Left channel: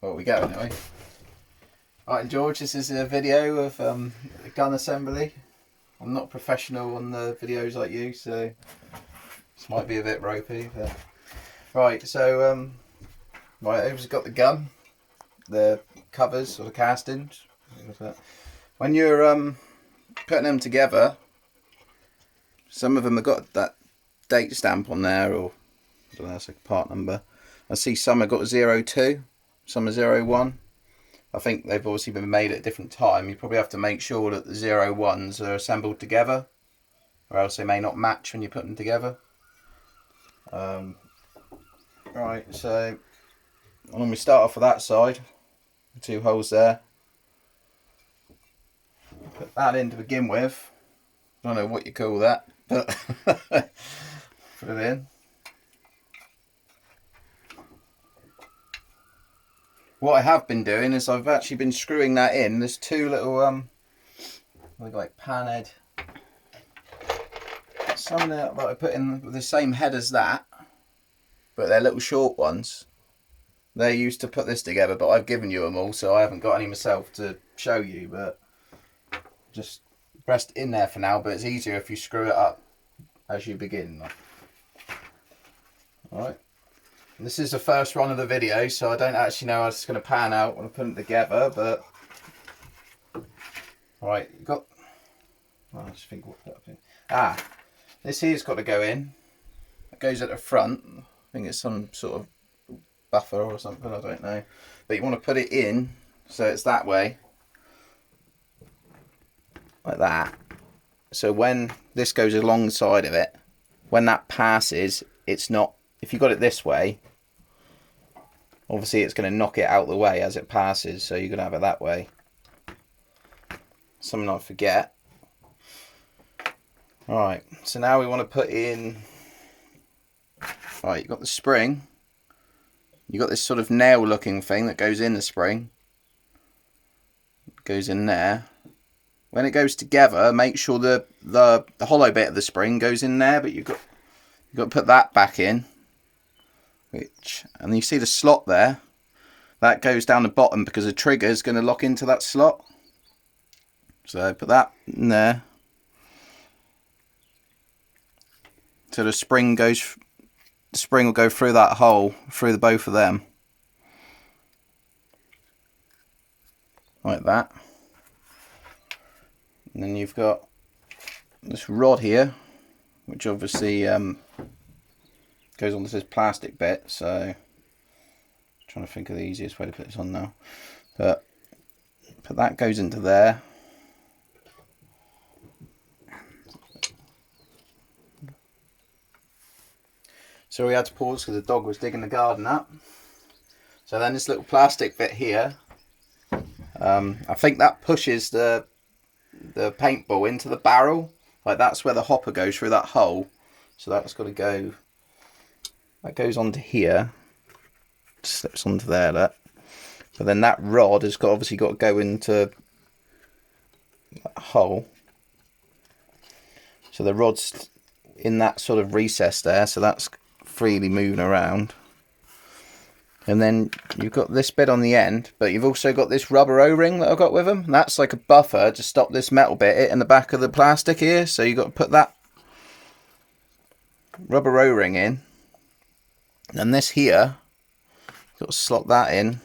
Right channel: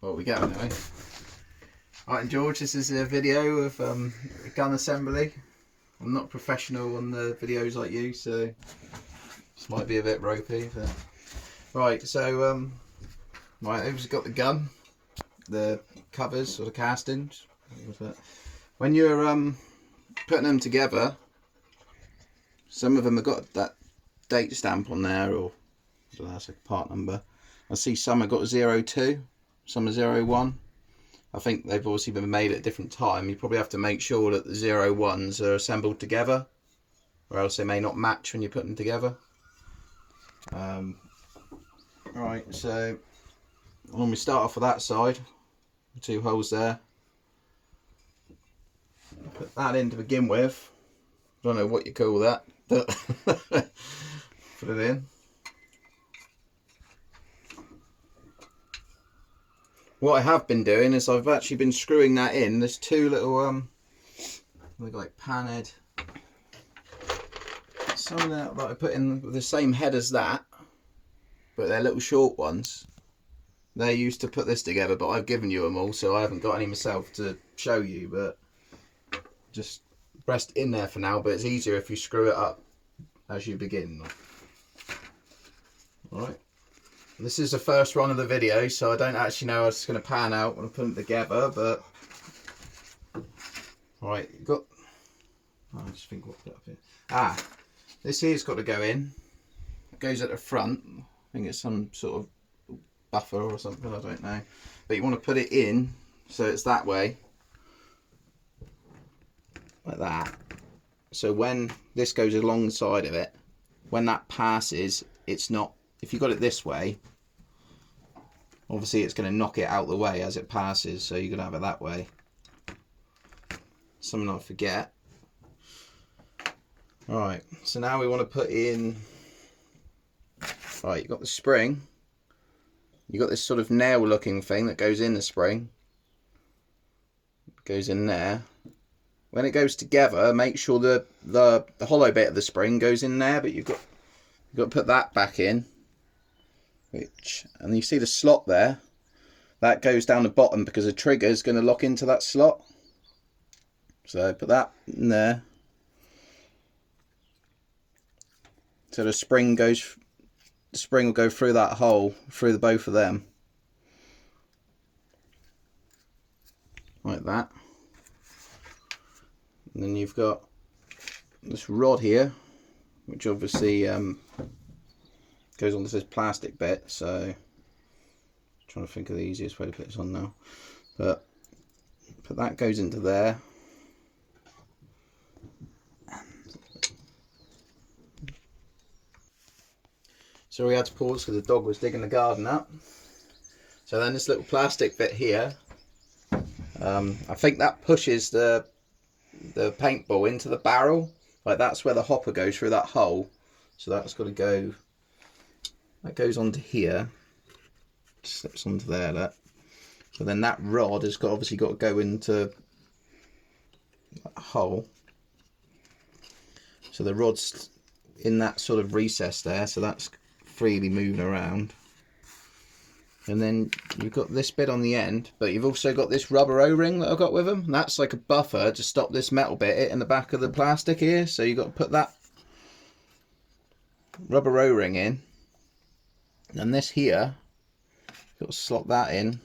Well, we go anyway. Alright, George, this is a video of gun assembly. I'm not professional on the videos like you, so this might be a bit ropey. But... Right, so right, I've got the gun, the covers or the castings. When you're putting them together, some of them have got that date stamp on there, or I don't know, that's a part number. I see some have got 02, some are 01. I think they've obviously been made at a different time. You probably have to make sure that the 01s are assembled together, or else they may not match when you put them together. Right, so when we start off with that side, the two holes there. Put that in to begin with. I don't know what you call that, but put it in. What I have been doing is I've actually been screwing that in. There's two little like pan head. Some that I put in with the same head as that, but they're little short ones. They're used to put this together, but I've given you them all, so I haven't got any myself to show you, but just rest in there for now. But it's easier if you screw it up as you begin. Alright. This is the first run of the video, so I don't actually know how it's going to pan out when I put it together, but... Alright, you got... Oh, I just think what put up here. This here's got to go in. It goes at the front. I think it's some sort of buffer or something, I don't know. But you want to put it in so it's that way. Like that. So when this goes alongside of it, when that passes, it's not... If you got it this way, obviously it's going to knock it out the way as it passes, so you're going to have it that way. Something I forget. Alright, so now we want to put in... Right, you've got the spring. You've got this sort of nail looking thing that goes in the spring. It goes in there. When it goes together, make sure the hollow bit of the spring goes in there, but you've got to put that back in. And you see the slot there, that goes down the bottom because the trigger is going to lock into that slot. So put that in there. So the spring will go through that hole, through the both of them. Like that. And then you've got this rod here, which obviously goes onto this plastic bit, so I'm trying to think of the easiest way to put this on now. But that goes into there. So we had to pause because the dog was digging the garden up. So then this little plastic bit here, I think that pushes the paintball into the barrel. Like that's where the hopper goes, through that hole. So that's got to go. That goes onto here, slips onto there, that. But then that rod has obviously got to go into that hole. So the rod's in that sort of recess there, so that's freely moving around. And then you've got this bit on the end, but you've also got this rubber O-ring that I've got with them. That's like a buffer to stop this metal bit hitting the back of the plastic here. So you've got to put that rubber O-ring in. And this here, you've got to slot that in,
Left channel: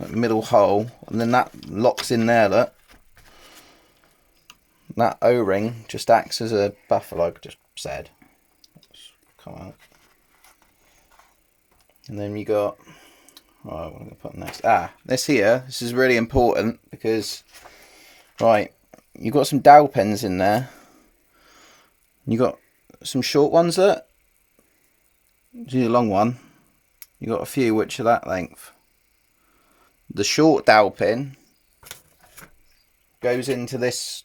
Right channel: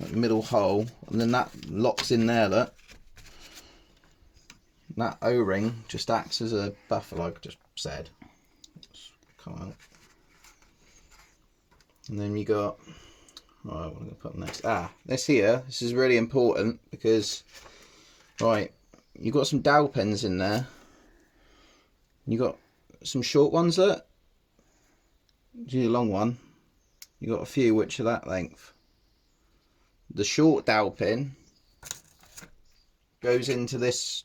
that middle hole, and then that locks in there, look. That O-ring just acts as a buffer, like I just said. Come on. And then you got, right, what am I going to put next? This here, this is really important because, right, you've got some dowel pens in there. You got some short ones there. Do a long one. You got a few which are that length. The short dowel pin goes into this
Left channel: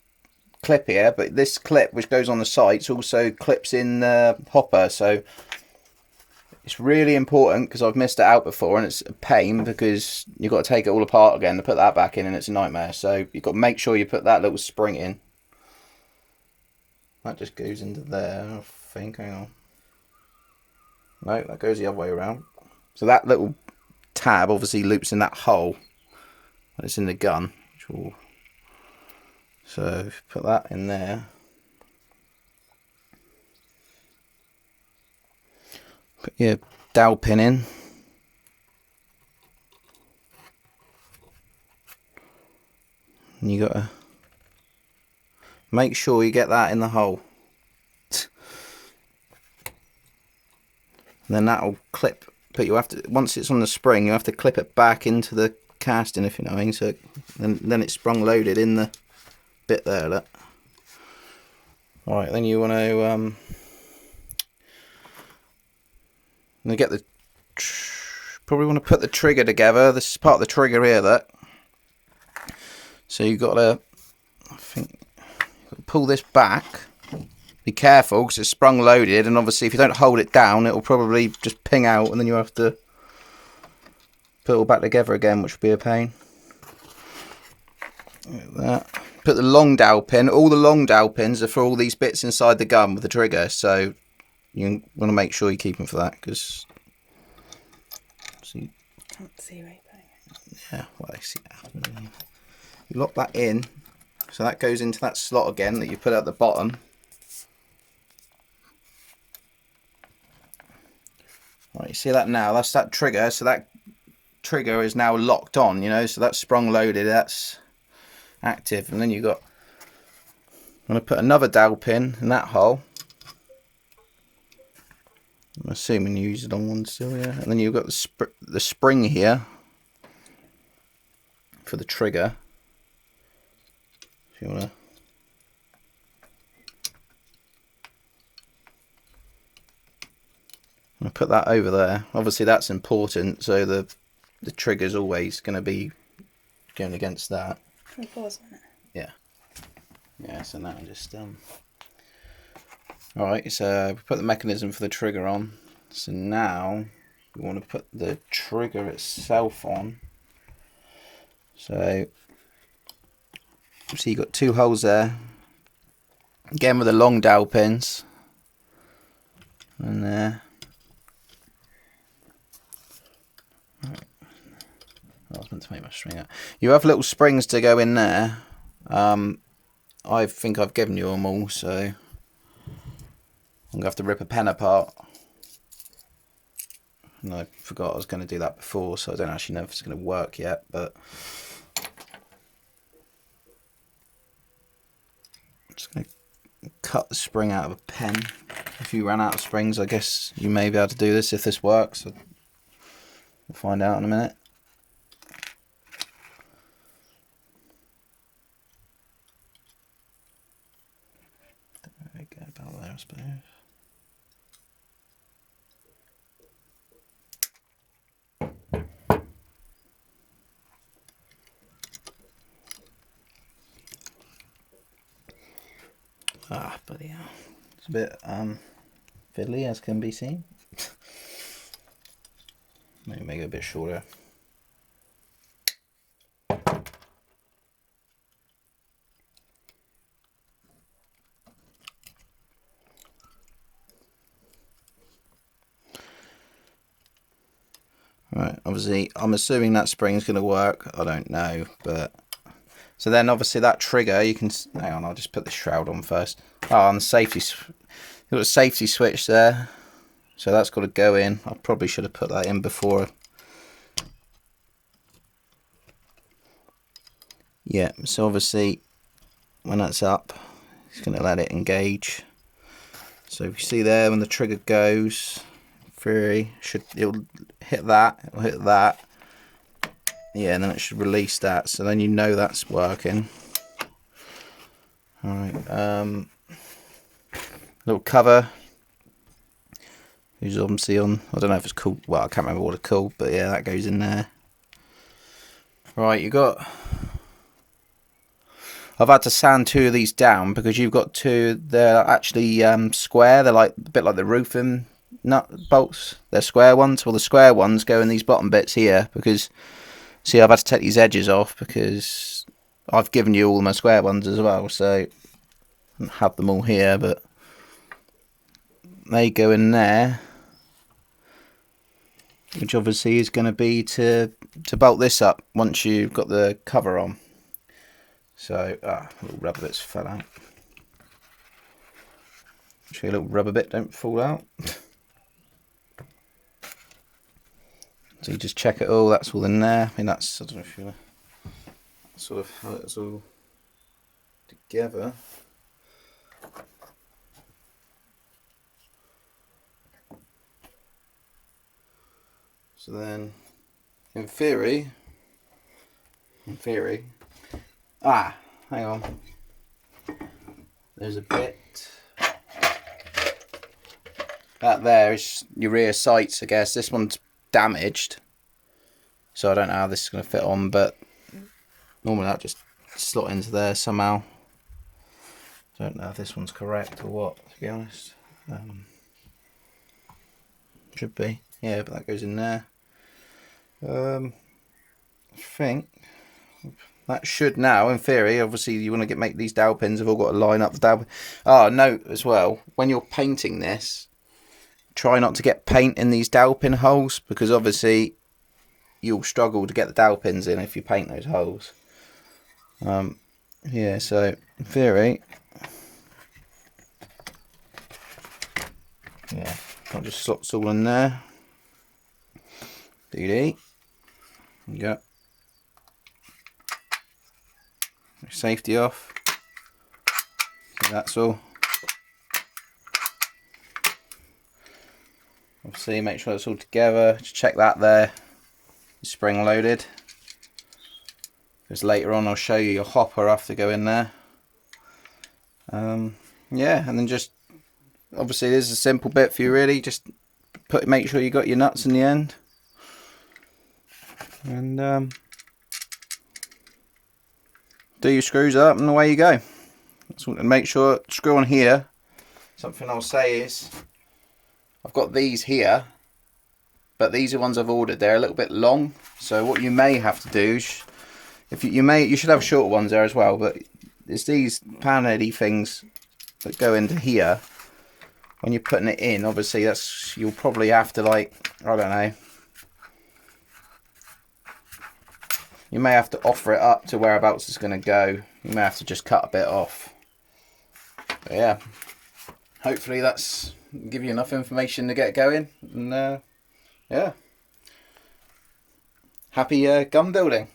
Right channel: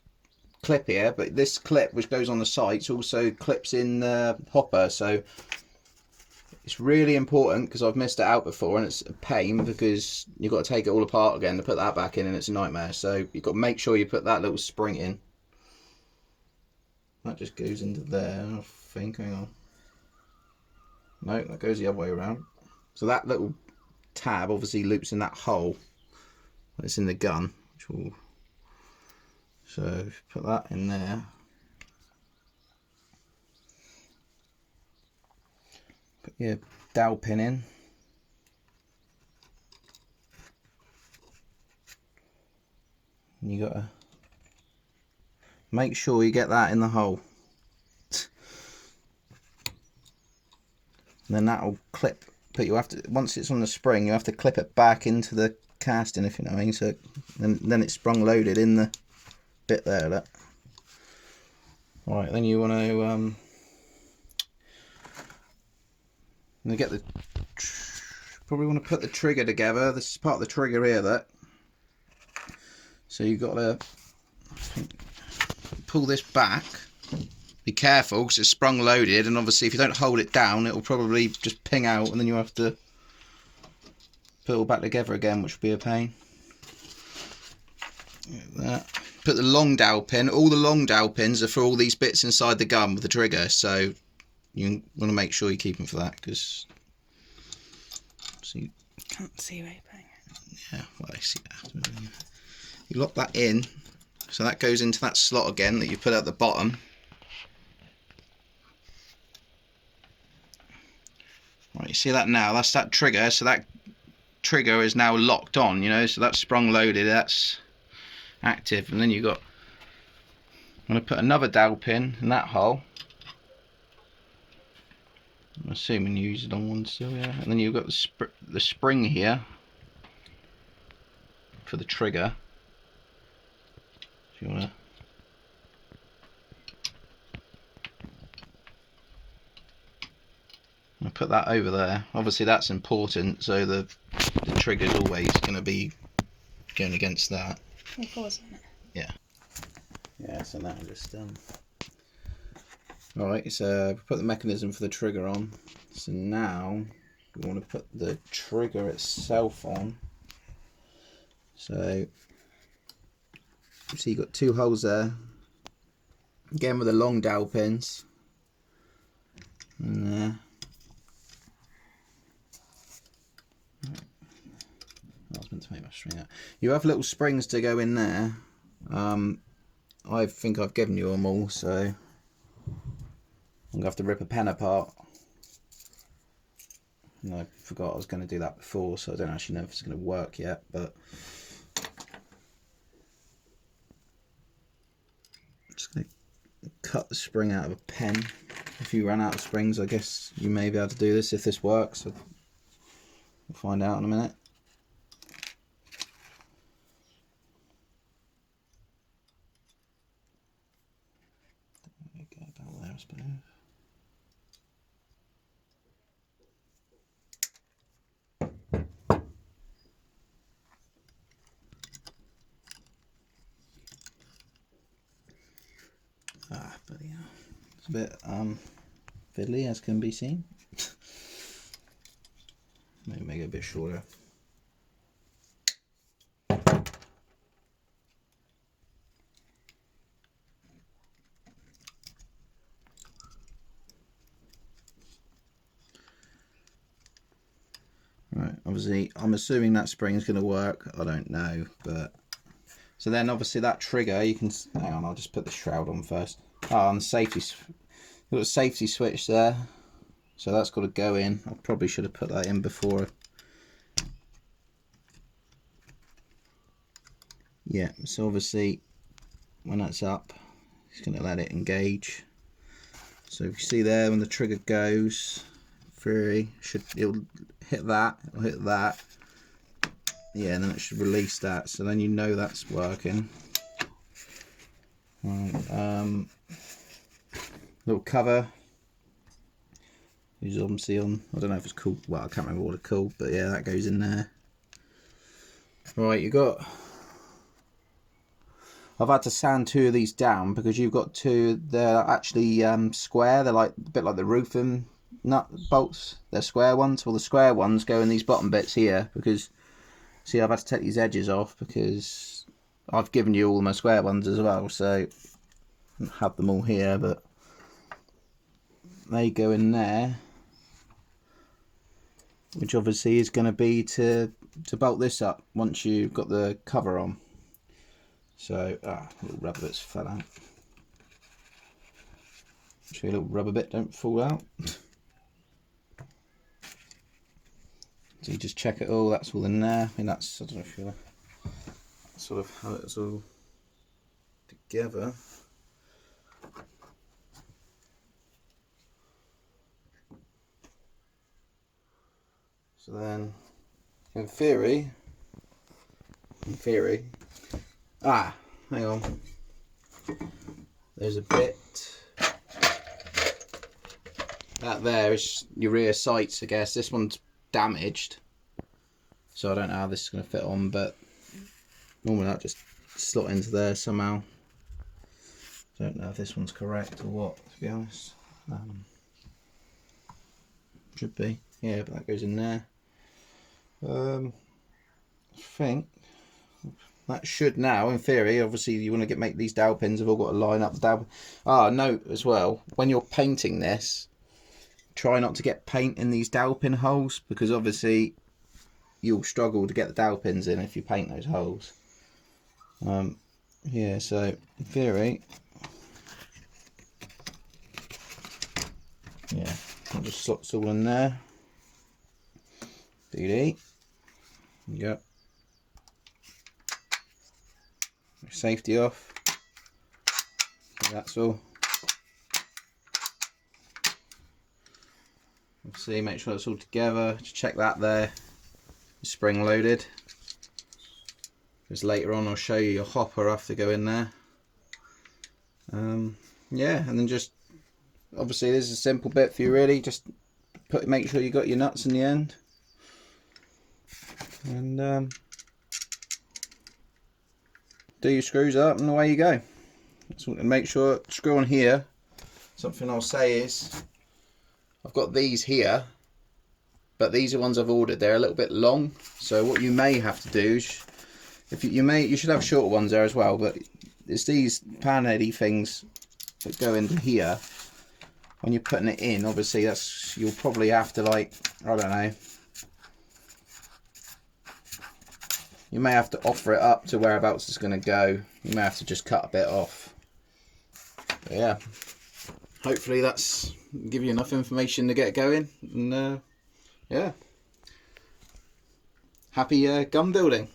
clip here, but this clip which goes on the sides also clips in the hopper, so it's really important because I've missed it out before and it's a pain because you've got to take it all apart again to put that back in and it's a nightmare. So you've got to make sure you put that little spring in. That just goes into there, I think. Hang on. No, that goes the other way around. So that little tab obviously loops in that hole that's in the gun. So put that in there. Put your dowel pin in. And you gotta make sure you get that in the hole. And then that'll clip, but you have to, once it's on the spring, you have to clip it back into the casting, if you know what I mean. So then it's sprung loaded in the bit there. Look. Right, then you want to get the, probably want to put the trigger together. This is part of the trigger here, look. So you've got to, I think, pull this back. Be careful because it's sprung loaded, and obviously if you don't hold it down, it will probably just ping out, and then you have to put it all back together again, which will be a pain. Like that. Put the long dowel pin. All the long dowel pins are for all these bits inside the gun with the trigger, so you want to make sure you keep them for that, because can't see where you're putting it. Yeah, well, I see that. You lock that in, so that goes into that slot again that you put at the bottom. Right, you see that now? That's that trigger. So that trigger is now locked on, you know. So that's sprung loaded. That's active, and then you got. I'm gonna put another dowel pin in that hole. I'm assuming you use it on one still, yeah. And then you've got the spring here for the trigger. If you wanna. I put that over there. Obviously that's important, so the trigger's always going to be going against that. Can we pause a minute? Yeah. Yeah, so that just Alright, so we put the mechanism for the trigger on. So now we want to put the trigger itself on. So you've got two holes there. Again with the long dowel pins. And there. I was meant to make my string out. You have little springs to go in there. I think I've given you them all, so I'm going to have to rip a pen apart. And I forgot I was going to do that before, so I don't actually know if it's going to work yet, but I'm just going to cut the spring out of a pen. If you ran out of springs, I guess you may be able to do this if this works. We'll find out in a minute. About there, I suppose. But yeah, it's a bit fiddly, as can be seen. Maybe make it a bit shorter. Right, obviously I'm assuming that spring's going to work. I don't know, but so then obviously that trigger, you can, hang on, I'll just put the shroud on first. Oh, and the safety, you've got a safety switch there, so that's got to go in. I probably should have put that in before. Yeah, so obviously when that's up, it's going to let it engage. So if you see there, when the trigger goes through, it'll hit that, yeah, and then it should release that, so then you know that's working. Alright, little cover, who's obviously on, I don't know if it's called, well, I can't remember what it's called, but yeah, that goes in there. Right, you got, I've had to sand two of these down because you've got two, they're actually square, they're like a bit like the roofing nut bolts. They're square ones. Well, the square ones go in these bottom bits here because, see, I've had to take these edges off because I've given you all my square ones as well, so I have them all here, but they go in there. which obviously is going to be to bolt this up once you've got the cover on. So, little rubber bits fell out. Show you a little rubber bit don't fall out. So you just check it all, that's all in there. I mean, that's, I don't know if you're sort of how it's all together. So then, in theory, hang on, there's a bit, that there is your rear sights, I guess. This one's damaged, so I don't know how this is going to fit on, but normally that just slot into there somehow. Don't know if this one's correct or what, to be honest. Should be, yeah, but that goes in there. I think that should now, in theory, obviously you want to make these dowel pins have all got to line up the dowel. Note as well, when you're painting this, try not to get paint in these dowel pin holes, because obviously you'll struggle to get the dowel pins in if you paint those holes. Yeah, so in theory, yeah, that just slots all in there. DD. Yeah. Safety off. So that's all. Obviously, make sure it's all together. Just check that there. Spring loaded. Because later on, I'll show you your hopper have to go in there. Yeah, and then just obviously, this is a simple bit for you, really. Just make sure you got your nuts in the end. And do your screws up and away you go. And make sure, screw on here. Something I'll say is, I've got these here, but these are ones I've ordered. They're a little bit long, so what you may have to do, if you should have shorter ones there as well, but it's these panheady things that go into here. When you're putting it in, obviously you'll probably have to, like, I don't know, you may have to offer it up to whereabouts it's going to go. You may have to just cut a bit off. But yeah, hopefully that's give you enough information to get going. And yeah, happy gun building.